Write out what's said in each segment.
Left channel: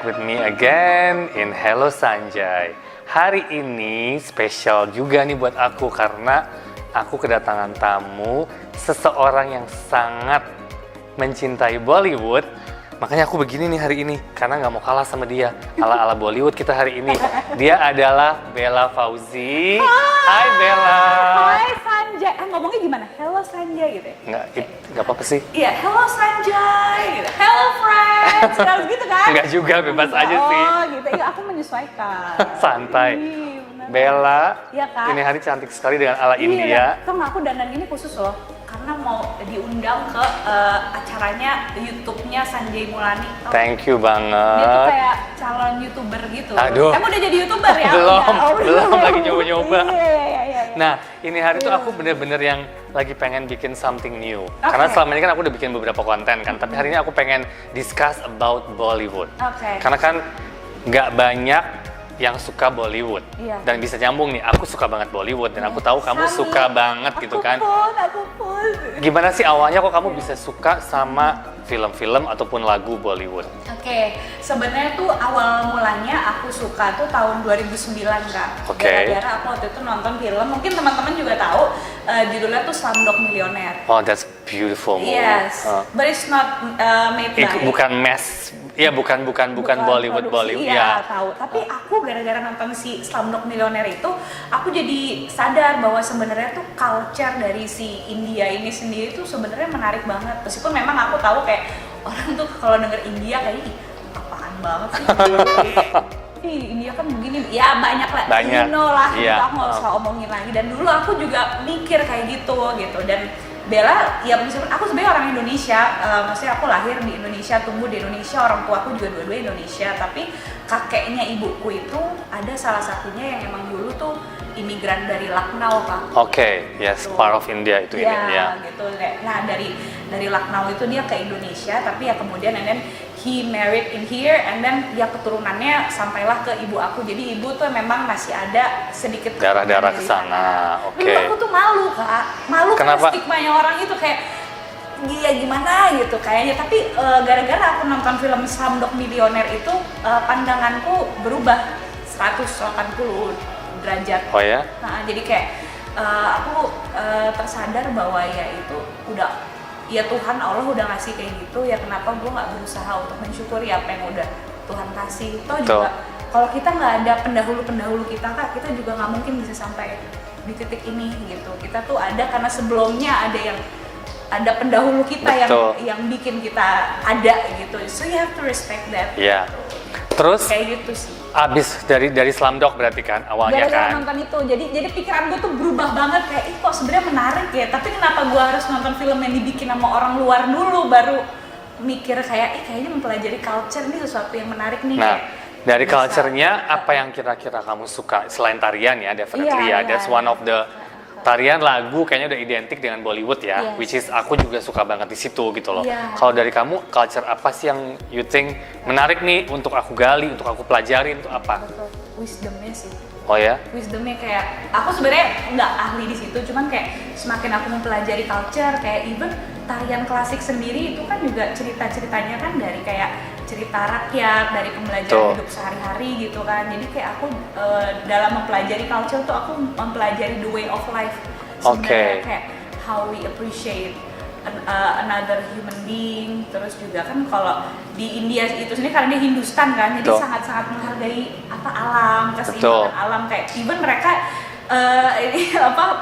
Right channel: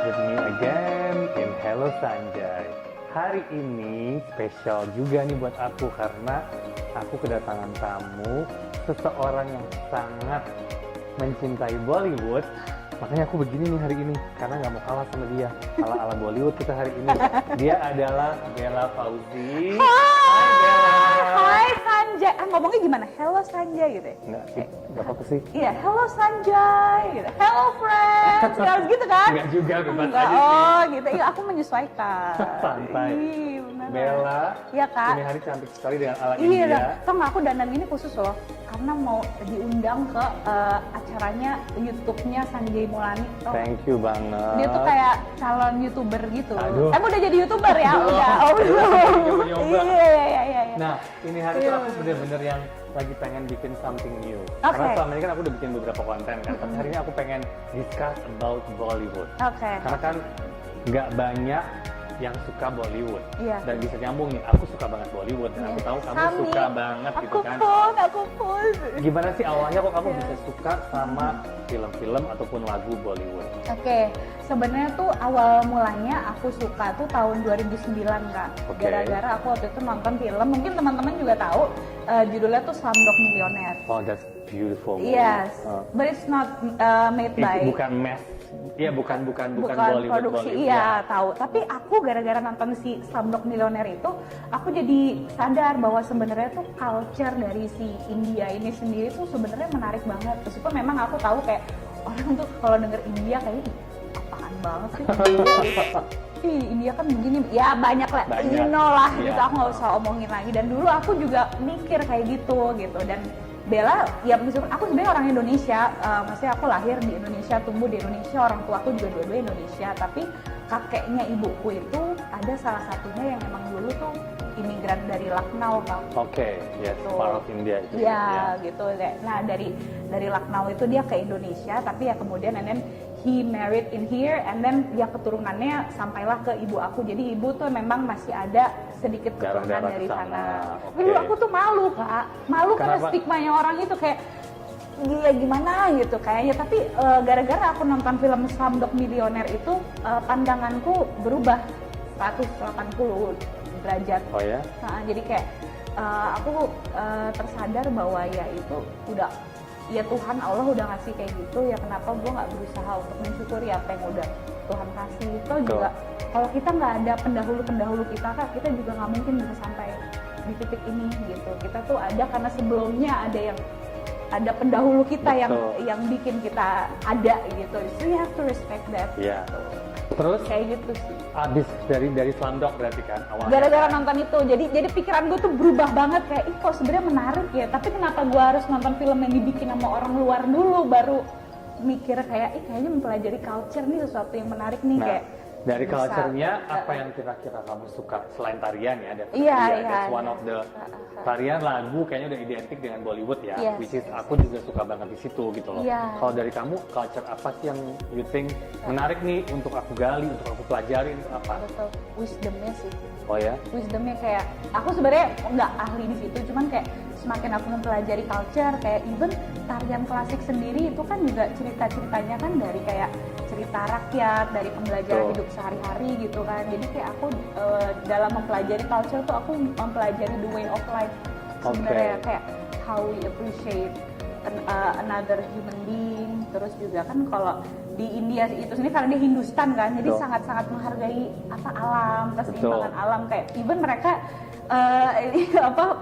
back with me again in Hello Sanjay. Hari ini spesial juga nih buat aku karena aku kedatangan tamu seseorang yang sangat mencintai Bollywood. Makanya aku begini nih hari ini karena nggak mau kalah sama dia. Ala-ala Bollywood kita hari ini. Dia adalah Bella Fauzi. Hai Bella. Hai Sanjay. Ngomongnya gimana? Hello Sanjay gitu ya? Nggak apa-apa sih. Iya, hello Sanjay gitu. Hello friends. Harus gitu kan? Nggak juga, bebas aja sih. Oh gitu. Iya, aku menyesuaikan. Santai. Ih, bener. Bella, iya, Kak. ini hari cantik sekali dengan ala Iya, India. tau nggak, aku dandan ini khusus loh karena mau diundang ke acaranya YouTube-nya Sanjay Mulani. Thank you banget. Dia tuh kayak calon YouTuber gitu. Aduh. Emang udah jadi YouTuber ya? Belum, Udah. Oh, belum, lagi nyoba-nyoba. Iya. Nah, ini hari tuh aku bener-bener yang lagi pengen bikin something new. Okay. Karena selama ini kan aku udah bikin beberapa konten kan, tapi hari ini aku pengen discuss about Bollywood. Oke. Karena kan nggak banyak yang suka Bollywood. Iya. Dan bisa nyambung nih, aku suka banget Bollywood dan aku tahu kamu Sami. suka banget gitu kan. Aku pun. Gimana sih awalnya kok kamu bisa suka sama film-film ataupun lagu Bollywood? Oke, sebenarnya tuh awal mulanya aku suka tuh tahun 2009 Kak. Oke. Gara-gara aku waktu itu nonton film, mungkin teman-teman juga tahu judulnya tuh Slumdog Millionaire. Oh, that's beautiful movie. Yes, but it's not made by. Bukan mess, ya bukan Bollywood. Iya, tahu. Tapi aku gara-gara nonton si Slumdog Millionaire itu, aku jadi sadar bahwa sebenarnya tuh culture dari si India ini sendiri tuh sebenarnya menarik banget. Meskipun memang aku tahu kayak orang tuh kalau denger India kayak ih, apaan banget sih. Ih, India kan begini, ya banyak lah, Banyak. you know lah, Iya. gitu, aku nggak usah omongin lagi. Dan dulu aku juga mikir kayak gitu. Dan Bella, ya meskipun aku sebenarnya orang Indonesia, maksudnya aku lahir di Indonesia, tumbuh di Indonesia, orang tua aku juga dua-dua Indonesia, tapi kakeknya ibuku itu ada salah satunya yang emang dulu tuh imigran dari Lucknow, Kak. Oke, yes, Gitu. part of India itu Ya, ini ya. gitu. Nah, dari Lucknow itu dia ke Indonesia, tapi ya kemudian and then he married in here, and then ya keturunannya sampailah ke ibu aku. Jadi ibu tuh memang masih ada sedikit keturunan Darah-darah dari kesana. sana. Oke. Dulu aku tuh malu, Kak. Malu karena Kenapa? stigmanya orang itu kayak gila gimana gitu kayaknya. Tapi gara-gara aku nonton film Slumdog Millionaire itu pandanganku berubah 180 derajat. Oh ya? Nah, jadi kayak aku tersadar bahwa ya itu udah, ya Tuhan Allah udah ngasih kayak gitu, ya kenapa gue nggak berusaha untuk mensyukuri apa yang udah Tuhan kasih. Toh juga kalau kita nggak ada pendahulu kita Kak, kita juga nggak mungkin bisa sampai di titik ini gitu. Kita tuh ada karena sebelumnya ada pendahulu kita yang bikin kita ada gitu. So you have to respect that. Iya. Terus Kayak gitu sih. abis dari Slumdog berarti kan awalnya Gara-gara kan? nonton itu, jadi pikiran gue tuh berubah banget kayak, ih kok sebenarnya menarik ya. Tapi kenapa gue harus nonton film yang dibikin sama orang luar dulu, baru mikir kayak, kayaknya mempelajari culture nih sesuatu yang menarik nih. Nah, kayak dari bisa. culture-nya apa yang kira-kira kamu suka selain tarian ya? Definitely Iya, ya, that's iya. one of the tarian, lagu kayaknya udah identik dengan Bollywood ya, Yes. which is aku juga suka banget di situ gitu loh. Iya. Kalau dari kamu, culture apa sih yang you think menarik nih untuk aku gali, untuk aku pelajari, untuk apa? Betul, wisdomnya sih. Oh ya? Wisdomnya kayak, aku sebenarnya nggak ahli di situ, cuman kayak semakin aku mempelajari culture, kayak even tarian klasik sendiri itu kan juga cerita-ceritanya kan dari kayak cerita rakyat, dari pembelajaran hidup sehari-hari gitu kan. Jadi kayak aku dalam mempelajari culture tuh aku mempelajari the way of life sebenarnya, kayak how we appreciate another human being. Terus juga kan kalau di India itu sendiri karena dia Hindustan kan, jadi sangat-sangat menghargai apa alam, keseimbangan alam. Kayak even mereka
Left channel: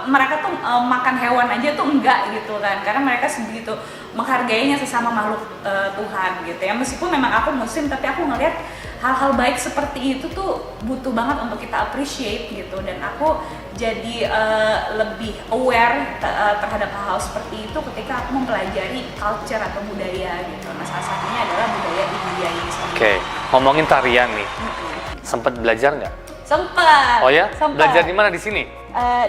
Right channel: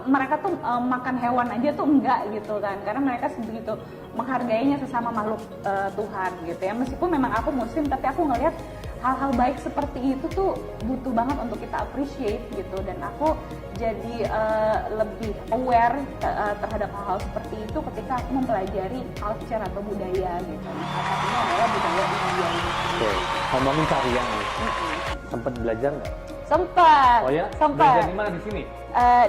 mereka tuh makan hewan aja tuh enggak gitu kan, karena mereka sebegitu menghargainya sesama makhluk Tuhan gitu ya. Meskipun memang aku muslim, tapi aku ngelihat hal-hal baik seperti itu tuh butuh banget untuk kita appreciate gitu. Dan aku jadi lebih aware terhadap hal-hal seperti itu ketika aku mempelajari culture atau budaya gitu. Nah, salah satunya adalah budaya India ini sendiri. Oke, ngomongin tarian nih, sempet belajar nggak? Sempet. Oh ya? Sempet. Belajar di mana di sini?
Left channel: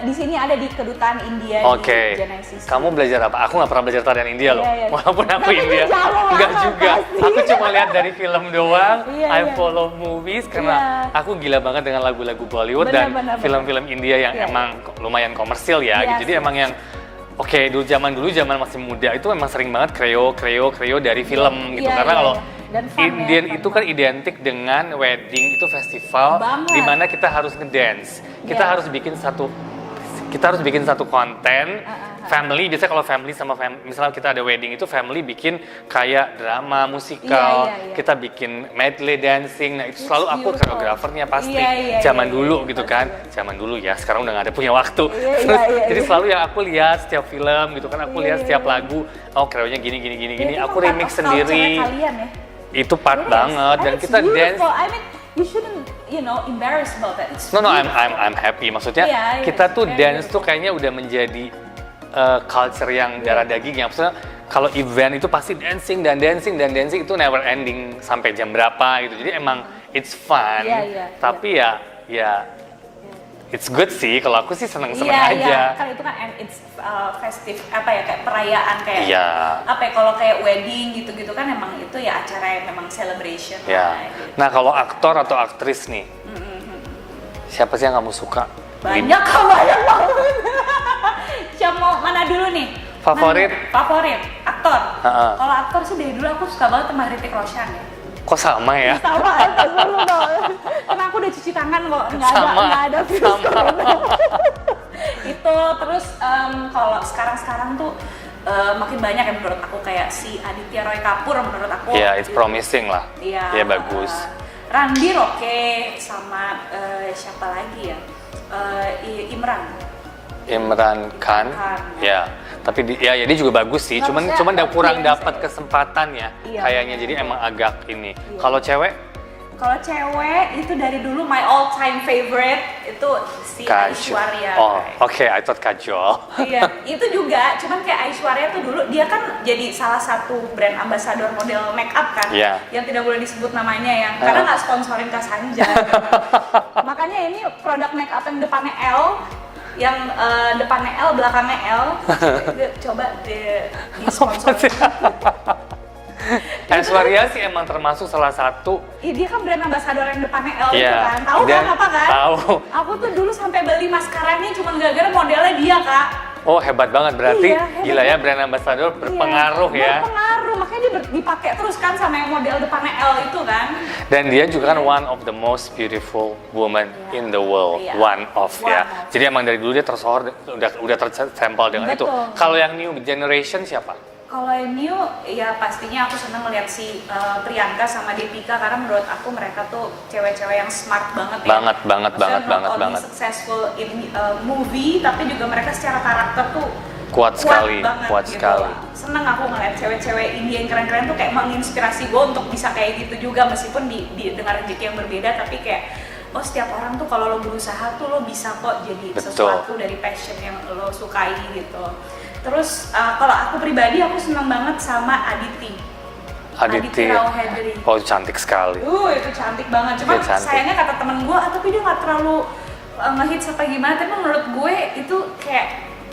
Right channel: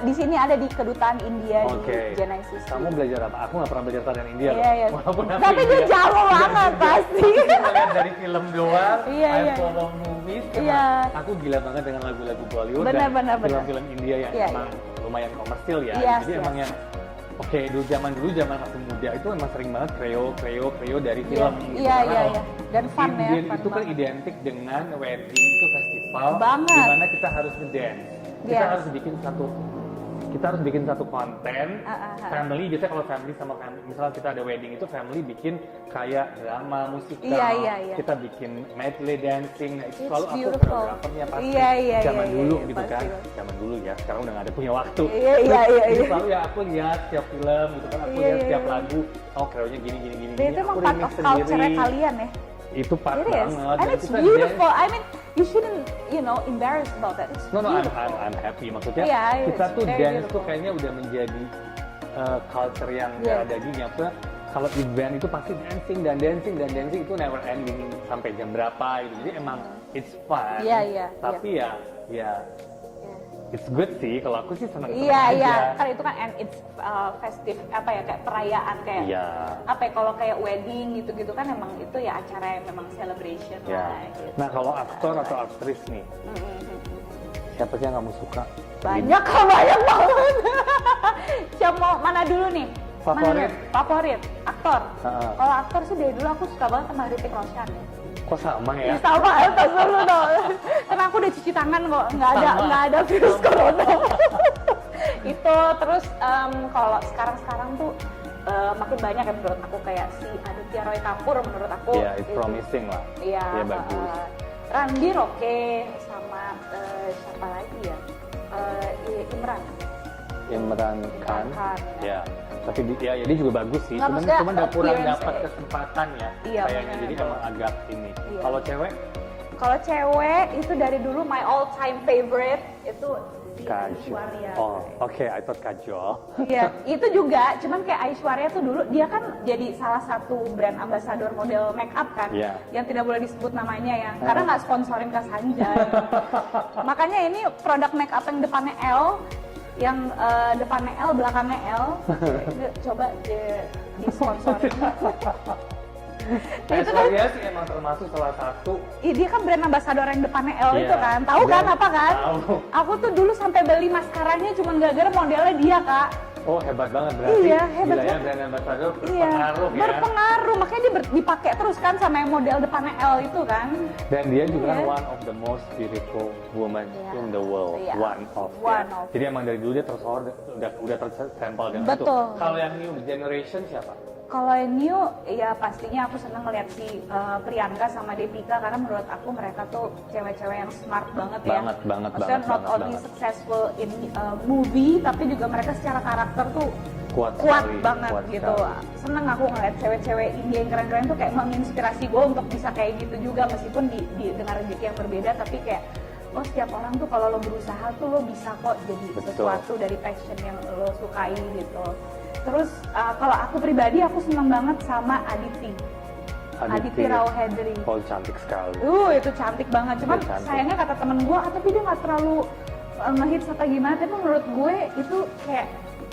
Di sini ada di kedutaan India di Genesis. Kamu belajar apa? Aku nggak pernah belajar tarian India loh. Iya. Walaupun aku Tapi India. itu jauh Nggak banget juga. pasti. Aku cuma lihat dari film doang. Iya. I follow movies karena aku gila banget dengan lagu-lagu Bollywood dan film-film India yang emang lumayan komersil ya. Jadi emang yang dulu zaman masih muda itu emang sering banget kreo dari film gitu. Karena kalau Dan fun Indian ya, fun itu kan banget. identik dengan wedding itu festival Banget. di mana kita harus ngedance. Kita Iya. harus bikin satu konten family. Biasanya kalau family sama misalnya kita ada wedding itu family bikin kayak drama musikal. Iya. Kita bikin medley dancing. Nah, itu It's selalu aku beautiful. koreografernya pasti. Iya, Zaman iya, dulu iya, gitu pasti kan. banget. Zaman dulu ya, sekarang udah gak ada punya waktu. Iya, Jadi iya. selalu yang aku lihat setiap film gitu kan, aku Iya, lihat iya, setiap iya. lagu, oh koreonya gini. Itu Aku emang part remix of sendiri. culture-nya kalian ya. Itu part It is. banget And dan it's kita dance. beautiful. I mean, you shouldn't, embarrass about that. It's No, beautiful. I'm happy. Maksudnya Iya, kita it's tuh very dance tuh beautiful. kayaknya udah menjadi culture yang Iya. darah daging ya. Maksudnya kalau event itu pasti dancing itu never ending sampai jam berapa gitu. Jadi emang it's fun. Iya. Tapi ya it's good sih. Kalau aku sih seneng-seneng Iya, aja. kan itu kan and it's festive kayak perayaan kayak Iya. kalau kayak wedding gitu-gitu kan emang itu ya acara yang memang celebration Ya. lah gitu. Nah kalau aktor atau aktris nih, siapa sih yang kamu suka? Banyak banget. Siapa mau mana dulu nih? Favorit? Favorit aktor. Ha-ha. Kalau aktor sih dari dulu aku suka banget sama Hrithik Roshan ya. Kok sama ya? Sama pas dulu dong. Karena aku udah cuci tangan kok, nggak Sama. ada virus corona. Itu terus kalau sekarang tuh makin banyak ya menurut aku kayak si Aditya Roy Kapoor menurut aku. Ya, it's itu- promising lah. Iya. Ya bagus. Ranbir oke, sama siapa lagi ya? Imran Khan, Khan. ya. Tapi dia juga bagus sih. Nggak, Cuman maksudnya kurang appearance dapat ya. kesempatan ya. Iya, Kayaknya benar. jadi emang agak ini. Iya. Kalau cewek, Kalau cewek itu dari dulu my all time favorite itu si Kajol. Aishwarya. Oh, oke, I thought Kajol. Iya, itu juga. Cuman kayak Aishwarya tuh dulu dia kan jadi salah satu brand ambassador model make up kan, Iya. yang tidak boleh disebut namanya ya, karena nggak sponsorin Kak Sanjay. Makanya ini produk make up yang depannya L, yang depannya L, belakangnya L, coba di sponsorin. Aishwarya sih emang termasuk salah satu. Dia kan brand ambassador yang depannya L itu Iya. kan, tahu kan Dan- apa kan? tahu. Aku tuh dulu sampai beli maskaranya cuma gara-gara modelnya dia kak. Oh, hebat banget berarti. Iya, hebat Gila ya, banget. brand ambassador Iya, berpengaruh ya. Berpengaruh, makanya dia dipakai terus kan sama yang model depannya L itu kan. Dan dia juga kan Iya. one of the most beautiful woman Iya. in the world. Iya. One of ya. One of. Jadi emang dari dulu dia tersohor, udah tersampel dengan itu. Betul. Kalau yang new generation siapa? Kalau yang new, ya pastinya aku seneng ngeliat si Priyanka sama Deepika karena menurut aku mereka tuh cewek-cewek yang smart banget ya. Banget. Maksudnya not only successful in movie, tapi juga mereka secara karakter tuh Kuat sekali, banget kuat gitu. sekali. Seneng aku ngeliat cewek-cewek India yang keren-keren tuh kayak menginspirasi gue untuk bisa kayak gitu juga meskipun dengan rezeki yang berbeda, tapi kayak oh setiap orang tuh kalau lo berusaha tuh lo bisa kok jadi Betul. sesuatu dari passion yang lo sukai gitu. Terus kalau aku pribadi aku seneng banget sama Aditi Rao Hedri. Oh, cantik sekali. Itu cantik banget. Cuman Dia cantik. sayangnya kata temen gue, tapi dia nggak terlalu ngehits apa gimana. Tapi menurut gue itu kayak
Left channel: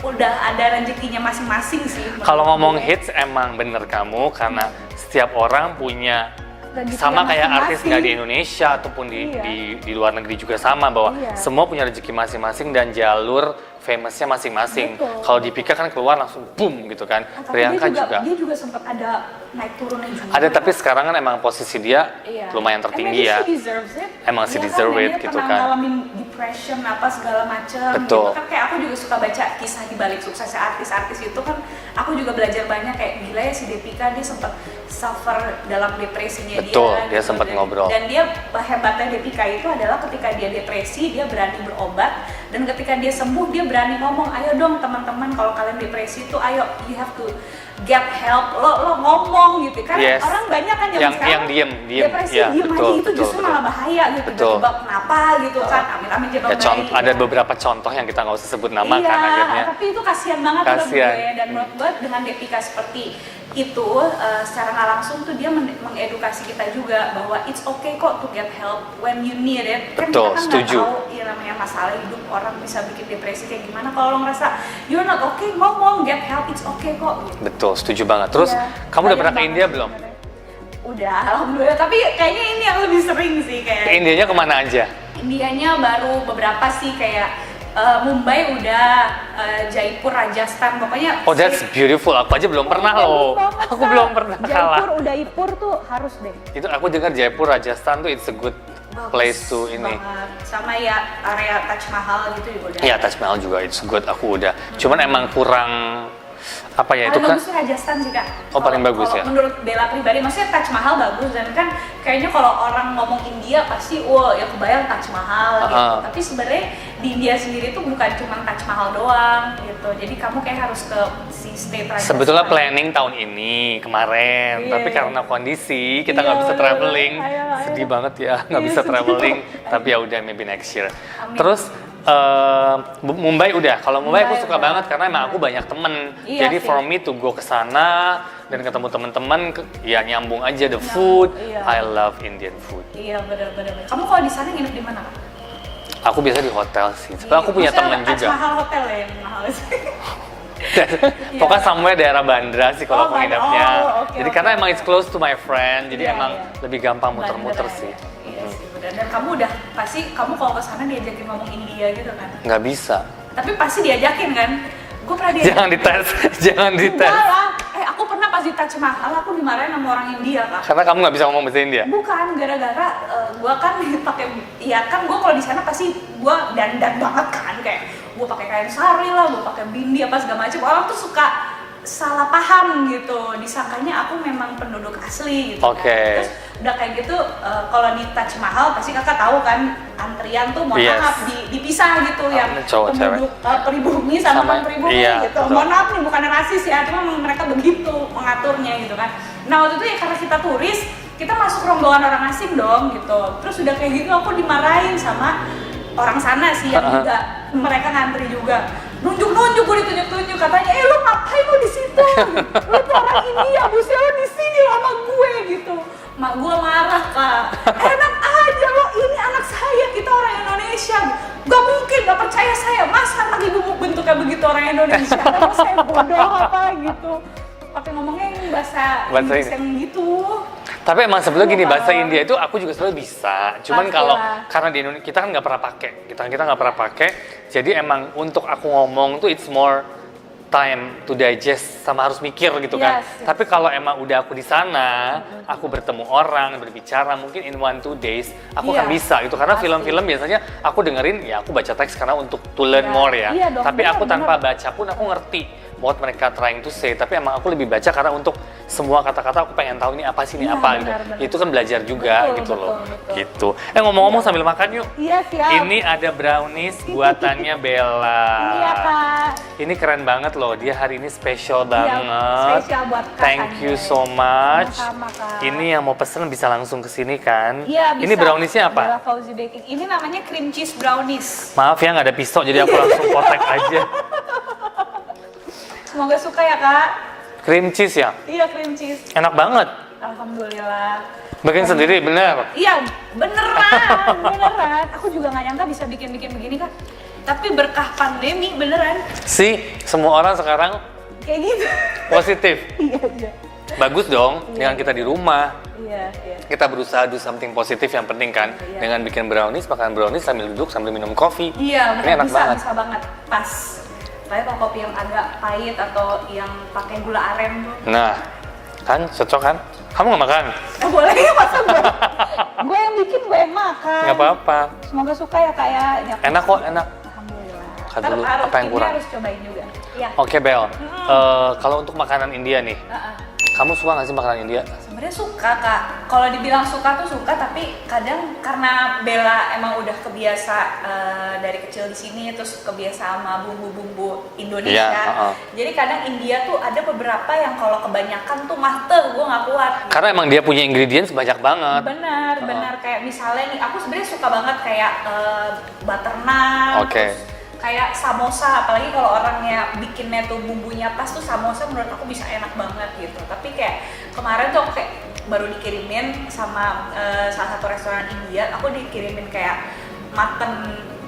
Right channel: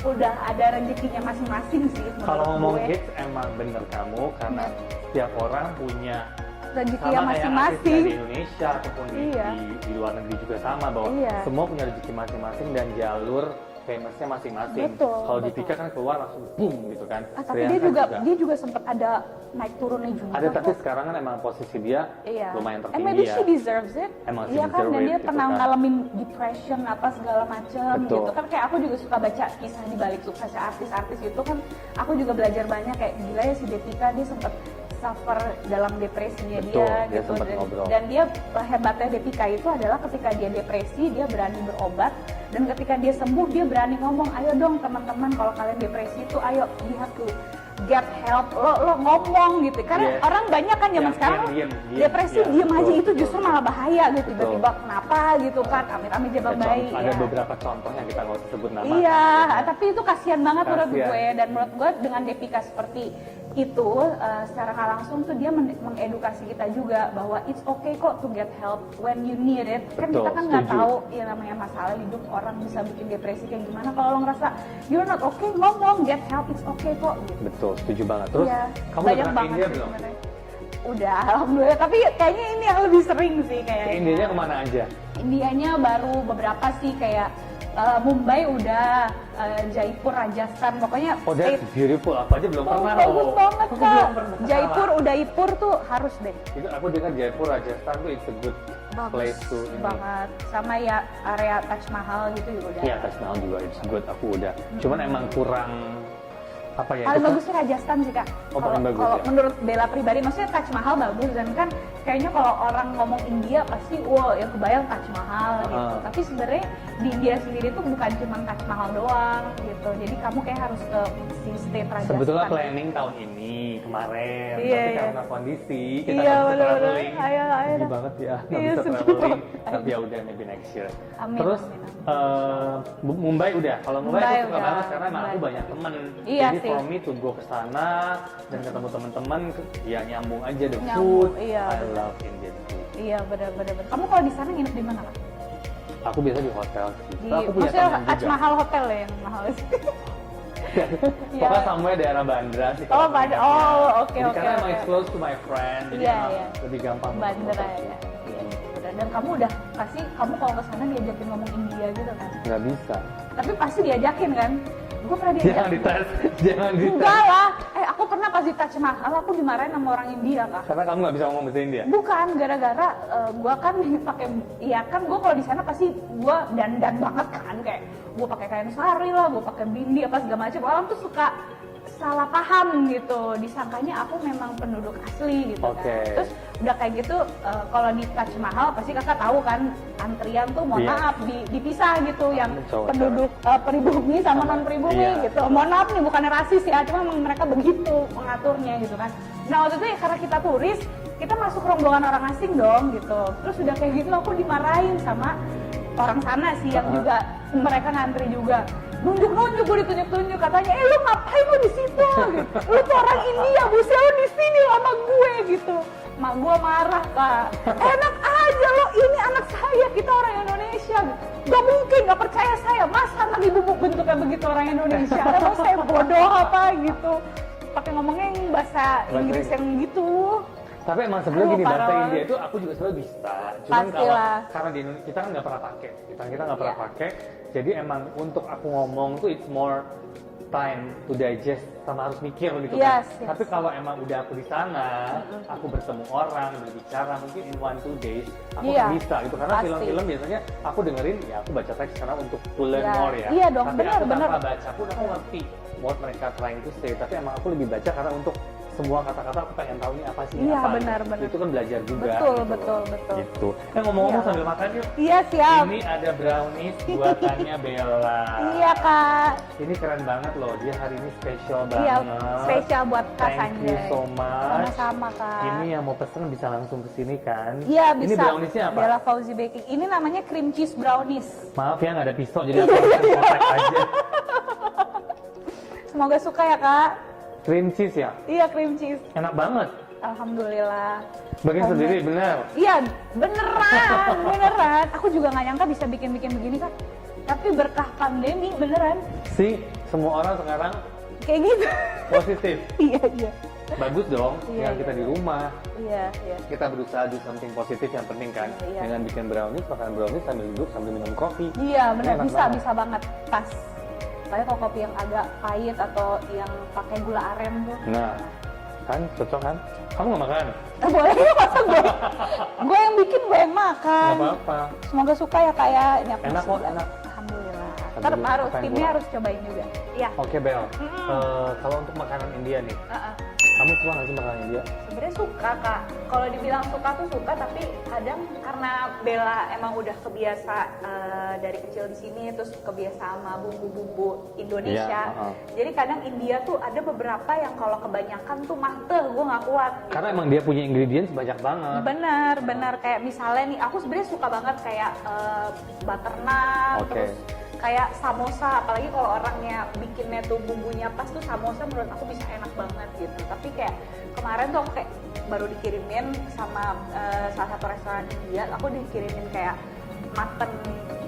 udah ada rezekinya masing-masing sih. menurut Kalau ngomong gue. hits emang bener kamu karena setiap orang punya Rezekinya sama kayak artis masing-masing. nggak di Indonesia ataupun Iya. di luar negeri juga sama bahwa Iya. semua punya rezeki masing-masing dan jalur famousnya masing-masing. Betul, Kalau di Pika kan keluar langsung boom gitu kan. Tapi Priyanka dia juga sempat ada naik turunnya juga. Ada, tapi sekarang kan emang posisi dia Iya. lumayan And tertinggi maybe ya. she deserves it. Emang she Iya deserve kan, it dia gitu pernah kan. ngalamin depression apa segala macam Betul. gitu kan, kayak aku juga suka baca kisah di balik suksesnya artis-artis itu kan, aku juga belajar banyak kayak gila ya si Deepika, dia sempat suffer dalam depresinya Betul, dia. dia sempat ngobrol. Dan dia hebatnya Deepika itu adalah ketika dia depresi dia berani berobat, dan ketika dia sembuh dia berani ngomong, ayo dong teman-teman kalau kalian depresi itu ayo you have to get help, lo ngomong gitu kan. Yes. Orang banyak kan Yang sekarang diem, depresi ya, diem aja betul, itu betul, justru betul. malah bahaya gitu. Betul. Tiba-tiba kenapa gitu kan, amit-amit Ya, jebak bayi. ada ya. beberapa contoh yang kita nggak usah sebut nama Iya, kan akhirnya. tapi itu kasihan banget menurut Kasihan. gue. Dan menurut gue dengan Deepika seperti itu, secara nggak langsung tuh dia mengedukasi kita juga bahwa it's okay kok to get help when you need it. Kan Betul, kita kan nggak setuju. tahu ya namanya masalah hidup orang bisa bikin depresi kayak gimana. Kalau lo ngerasa you're not okay, ngomong, get help, it's okay kok. Gitu. Betul, setuju banget. Terus Iya, kamu udah banyak pernah ke banget India sih belum? sebenarnya. Udah, alhamdulillah. Tapi kayaknya ini yang lebih sering sih kayak. Ke Indianya kemana aja? Indianya baru beberapa sih kayak Mumbai udah, Jaipur, Rajasthan, pokoknya Oh, that's beautiful. Aku aja belum pernah bagus loh. banget, Aku Kak. belum pernah. Jaipur, kalah. Udaipur tuh harus deh. Itu aku dengar Jaipur, Rajasthan tuh it's a good Bagus place to ini. banget. Sama ya area Taj Mahal gitu juga udah. Iya, Taj Mahal juga it's good. Aku udah. Cuman emang kurang apa ya itu Paling kan? bagus tuh Rajasthan sih, Kak. Oh, paling bagus kalau ya? menurut Bella pribadi, maksudnya Taj Mahal bagus, dan kan kayaknya kalau orang ngomong India pasti wah ya kebayang Taj Mahal gitu. Tapi sebenarnya di India sendiri tuh bukan cuma Taj Mahal doang gitu. Jadi kamu kayak harus ke si state Rajasthan. Sebetulnya planning tahun ini kemarin, Iya, tapi iya. karena kondisi kita Iya, nggak bisa bener-bener. traveling, Ayo. sedih banget ya nggak Iya, bisa sedih. traveling. Tapi ya udah maybe next year. Amin. Terus Mumbai udah. Kalau Mumbai aku Mumbai suka udah. banget karena emang aku Mumbai. banyak temen. Iya Jadi sih. for me to go ke sana dan ketemu teman-teman, ya nyambung aja the Nyambung, food. iya. I love Indian food. Iya, benar-benar. Kamu kalau di sana nginep di mana, Kak? Aku biasa di hotel sih. Soalnya aku punya Maksudnya teman Taj juga. Mahal hotel ya yang mahal sih. Pokoknya somewhere daerah Bandra sih kalau Oh, aku Bandra. nginepnya. Oh, oke, Jadi oke, karena emang oke. it's close to my friend, jadi Iya, emang iya. lebih gampang muter-muter Bandara sih. ya. Iya sih, benar. Dan kamu udah pasti kamu kalau ke sana diajakin ngomong India gitu kan? Nggak bisa. Tapi pasti diajakin kan? Gue pernah diajakin. Jangan dites, jangan dites. Enggak lah. Aku pernah pas di Taj Mahal aku dimarahin sama orang India, Kak. Karena kamu nggak bisa ngomong bahasa India. Bukan, gara-gara gue kan pakai, ya kan gue kalau di sana pasti gue dandan banget kan, kayak gue pakai kain sari lah, gue pakai bindi apa segala macam. Orang tuh suka salah paham gitu, disangkanya aku memang penduduk asli gitu. Oke. Kan. Terus udah kayak gitu, kalau di Taj Mahal pasti kakak tahu kan antrian tuh mohon Yes. maaf dipisah gitu, yang cowok, penduduk pribumi sama Sama- non pribumi iya, gitu. betul. Mohon maaf nih, bukan rasis ya, cuma memang mereka begitu mengaturnya gitu kan. Nah waktu itu ya karena kita turis, kita masuk rombongan orang asing dong gitu. Terus udah kayak gitu aku dimarahin sama orang sana sih yang juga mereka ngantri juga. Nunjuk-nunjuk, gue ditunjuk-tunjuk, katanya, lu ngapain lu di situ? Lu tuh orang India, buset lu di sini sama gue gitu. Mak gue marah, Kak. Enak aja lo, ini anak saya, kita orang Indonesia. Gak mungkin, gak percaya saya. Masa anak ibu bentuknya begitu orang Indonesia? Emang saya bodoh apa gitu? Pakai ngomongnya yang bahasa Inggris ini. yang gitu. Tapi emang sebetulnya gini, bahasa parah. India itu aku juga sebenarnya bisa. Cuman Pastilah. kalau karena di Indonesia kita kan nggak pernah pakai, kita nggak pernah pakai. Jadi emang untuk aku ngomong tuh it's more time to digest sama harus mikir gitu kan. Yes. Tapi kalau emang udah aku di sana, aku bertemu orang, berbicara mungkin in 1-2 days, aku Iya, akan bisa gitu. Karena pasti. film-film biasanya aku dengerin ya aku baca teks karena untuk to learn Iya. more ya. Iya dong, Tapi benar, aku tanpa benar. baca pun aku ngerti what mereka trying to say. Tapi emang aku lebih baca karena untuk semua kata-kata aku pengen tahu ini apa sih, ini Iya, apa benar, gitu. benar. Itu kan belajar juga Betul, gitu loh. betul, betul. Gitu. Ngomong-ngomong Iya. sambil makan yuk. Iya siap. Ini ada brownies buatannya Bella. Iya Kak. Ini keren banget loh. Dia hari ini spesial Iya, banget. spesial buat Kak Thank you Sanjay. so much. Sama-sama, Kak. Ini yang mau pesen bisa langsung ke sini kan? Iya bisa. Ini browniesnya apa? Bella Fauzi Baking. Ini namanya cream cheese brownies. Maaf ya nggak ada pisau jadi aku langsung potek aja. Semoga suka ya Kak. Cream cheese ya? Iya cream cheese. Enak banget. Alhamdulillah. Bikin sendiri bener. Iya beneran, beneran. Aku juga nggak nyangka bisa bikin-bikin begini Kak. Tapi berkah pandemi beneran. Sih, semua orang sekarang Kayak gitu. positif. Iya, iya. Bagus dong Iya, dengan kita di rumah. Iya, iya. Kita berusaha do something positif yang penting kan. Iya. Dengan bikin brownies, makan brownies sambil duduk sambil minum kopi. Iya, Ini bener enak bisa, banget. bisa banget. Pas. Tapi kalau kopi yang agak pahit atau yang pakai gula aren tuh. Nah, kan cocok kan? Kamu nggak makan? Boleh masa gue? Gue yang bikin, gue yang makan. Nggak apa-apa. Semoga suka ya Kak ya. Ini aku Enak kok, enak. Alhamdulillah. Makan Ntar dulu, harus, apa yang ini kurang? harus cobain juga. Iya. Oke Bel, kalau untuk makanan India nih, kamu suka nggak sih makanan India? Sebenarnya suka Kak. Kalau dibilang suka tuh suka, tapi kadang karena Bella emang udah kebiasa dari kecil di sini, terus kebiasa sama bumbu-bumbu Indonesia. Iya, Jadi kadang India tuh ada beberapa yang kalau kebanyakan tuh gue nggak kuat. Karena emang dia punya ingredients banyak banget. Benar, benar kayak misalnya nih, aku sebenarnya suka banget kayak butter naan, Oke. terus kayak samosa, apalagi kalau orangnya bikinnya tuh bumbunya pas tuh samosa menurut aku bisa enak banget gitu. Tapi kayak kemarin tuh aku kayak baru dikirimin sama salah satu restoran India, aku dikirimin kayak mutton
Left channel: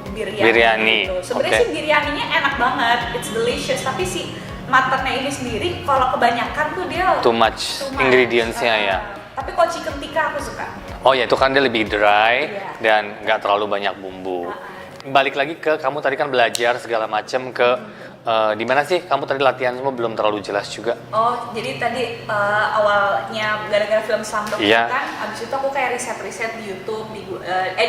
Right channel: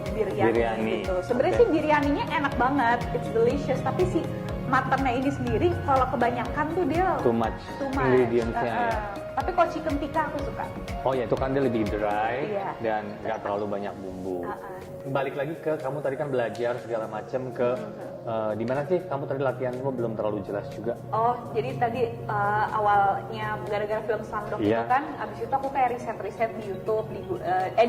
biryani gitu. Sebenarnya Oke. sih biryaninya enak banget, it's delicious, tapi si muttonnya ini sendiri kalau kebanyakan tuh dia Too much too much. ingredients-nya ya. Tapi kalau chicken tikka aku suka. Oh ya itu kan dia lebih dry Iya. dan nggak terlalu banyak bumbu. balik lagi ke kamu tadi kan belajar segala macam ke di mana sih kamu tadi latihan semua belum terlalu jelas juga. Oh, jadi tadi awalnya gara-gara film Slumdog itu Iya. kan, abis itu aku kayak riset-riset di YouTube, di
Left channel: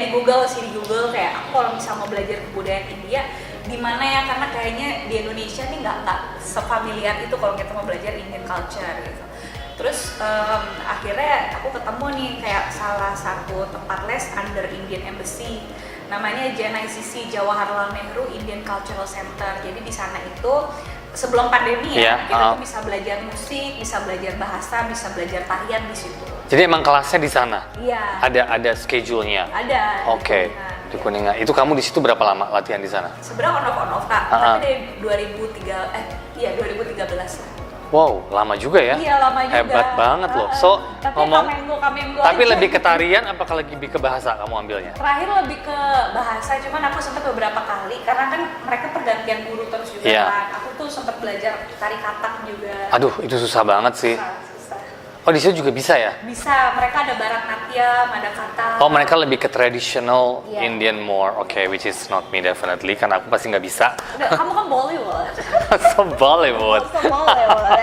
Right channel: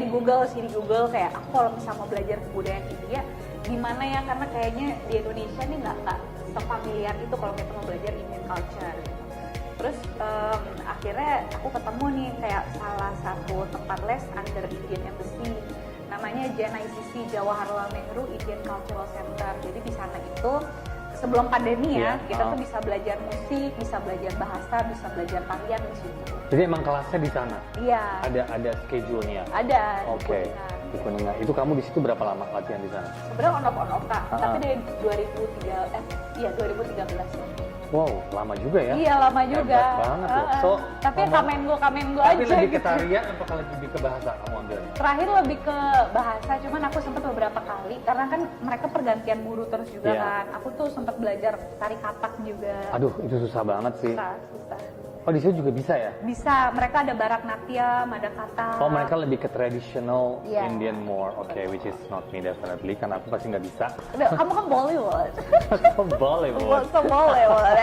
Google sih, di Google kayak aku kalau misalnya mau belajar kebudayaan India di mana ya, karena kayaknya di Indonesia nih nggak sefamiliar itu kalau kita mau belajar Indian culture gitu. Terus akhirnya aku ketemu nih kayak salah satu tempat les under Indian Embassy, namanya JNICC, Jawaharlal Nehru Indian Cultural Center. Jadi di sana itu sebelum pandemi ya, kita tuh bisa belajar musik, bisa belajar bahasa, bisa belajar tarian di situ. Jadi emang kelasnya di sana? Iya. Ada schedule-nya? Ada. Oke. Di Kuningan. Itu kamu di situ berapa lama latihan di sana? Sebenarnya on off Kak. Tapi dari 2013 lah. Wow, lama juga ya? Iya, lama juga. Hebat banget loh. So, tapi kamengo tapi aja lebih ke gitu. tarian apakah lebih ke bahasa kamu ambilnya? Terakhir lebih ke bahasa, cuman aku sempat beberapa kali karena kan mereka pergantian guru terus juga Iya. kan. Aku tuh sempat belajar tari katak juga. Aduh, itu susah banget sih. Susah. Oh, di situ juga bisa ya? Bisa, mereka ada Bharatnatyam, ada katak. Oh, mereka lebih ke traditional Iya. Indian more. Oke, which is not me definitely, karena aku pasti nggak bisa. Udah, kamu kan Bollywood. So Bollywood. So Bollywood.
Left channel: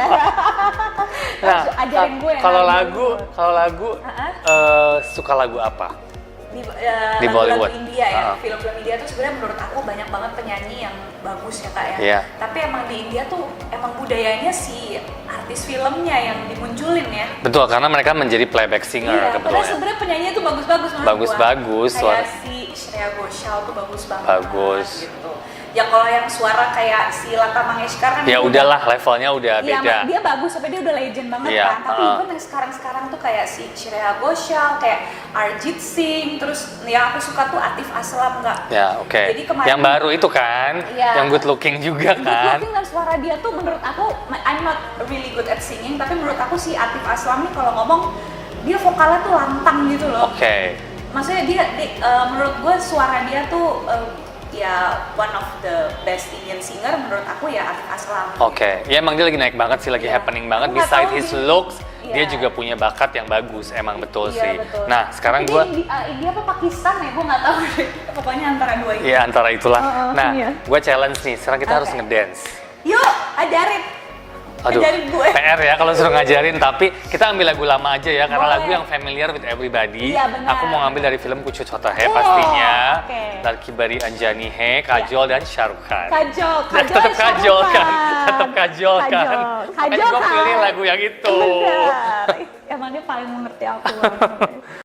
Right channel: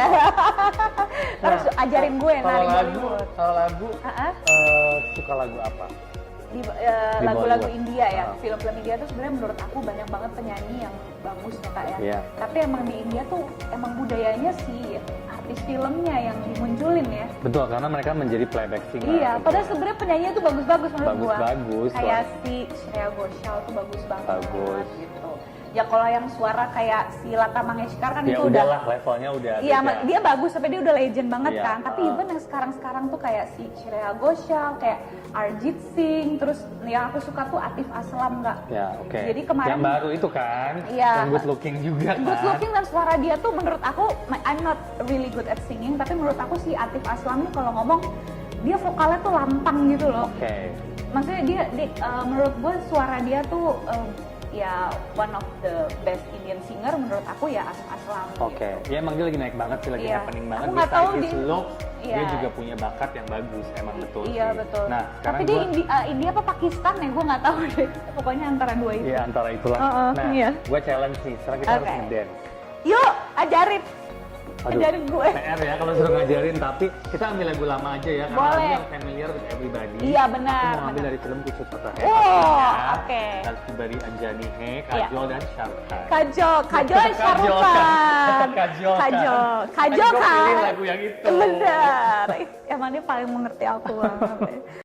Terus ajarin gue Kalau nari lagu, Bollywood. suka lagu apa? Di Di lagu-lagu Bollywood. India ya, film-film India tuh sebenarnya menurut aku banyak banget penyanyi yang bagus ya Kak ya. Iya. Tapi emang di India tuh emang budayanya si artis filmnya yang dimunculin ya. Betul, karena mereka menjadi playback singer. Iya, padahal sebenarnya penyanyinya tuh bagus-bagus menurut Bagus-bagus, gua. Kayak suara- si Shreya Ghoshal tuh bagus banget. Bagus. Gitu. Ya kalau yang suara kayak si Lata Mangeshkar kan Ya itu udahlah, levelnya udah Iya, beda. dia bagus, tapi dia udah legend banget Iya, kan. Tapi even yang sekarang tuh kayak si Shreya Ghoshal, kayak Arjit Singh, terus yang aku suka tuh Atif Aslam nggak? Ya, oke. Jadi kemarin Yang baru itu kan, Iya. yang good looking juga good kan. looking dan suara dia tuh menurut aku, I'm not really good at singing, tapi menurut aku si Atif Aslam nih kalau ngomong dia vokalnya tuh lantang gitu loh. Oke. Maksudnya dia menurut gue suara dia tuh ya one of the best Indian singer menurut aku ya Atif Aslam. Oke, ya emang dia lagi naik banget sih, lagi Iya. happening banget. Aku nggak Besides tahu his dia- looks, Iya. dia juga punya bakat yang bagus, emang betul Iya, sih. betul. Nah, sekarang tapi gue, dia India apa Pakistan ya, gue nggak tahu deh. Pokoknya antara dua itu. ya antara itulah. Nah, iya. gue challenge nih, sekarang kita harus Oke. ngedance. Yuk, ajarin. Aduh, Ajarin gue. PR ya kalau suruh ngajarin, tapi kita ambil lagu lama aja ya, karena Boleh. lagu yang familiar with everybody. Iya, benar. Aku mau ngambil dari film Kuchu Chota Hai Oh, pastinya. oke. Tarki Bari Anjani Hai, Kajol dan Shahrukh Khan. Kajol Tetap dan Kajol Shahrukh kan, Khan. tetap Kajol kan. Kajol Makanya gua pilih kan. lagu yang itu. Bener. Emang dia paling mengerti aku banget.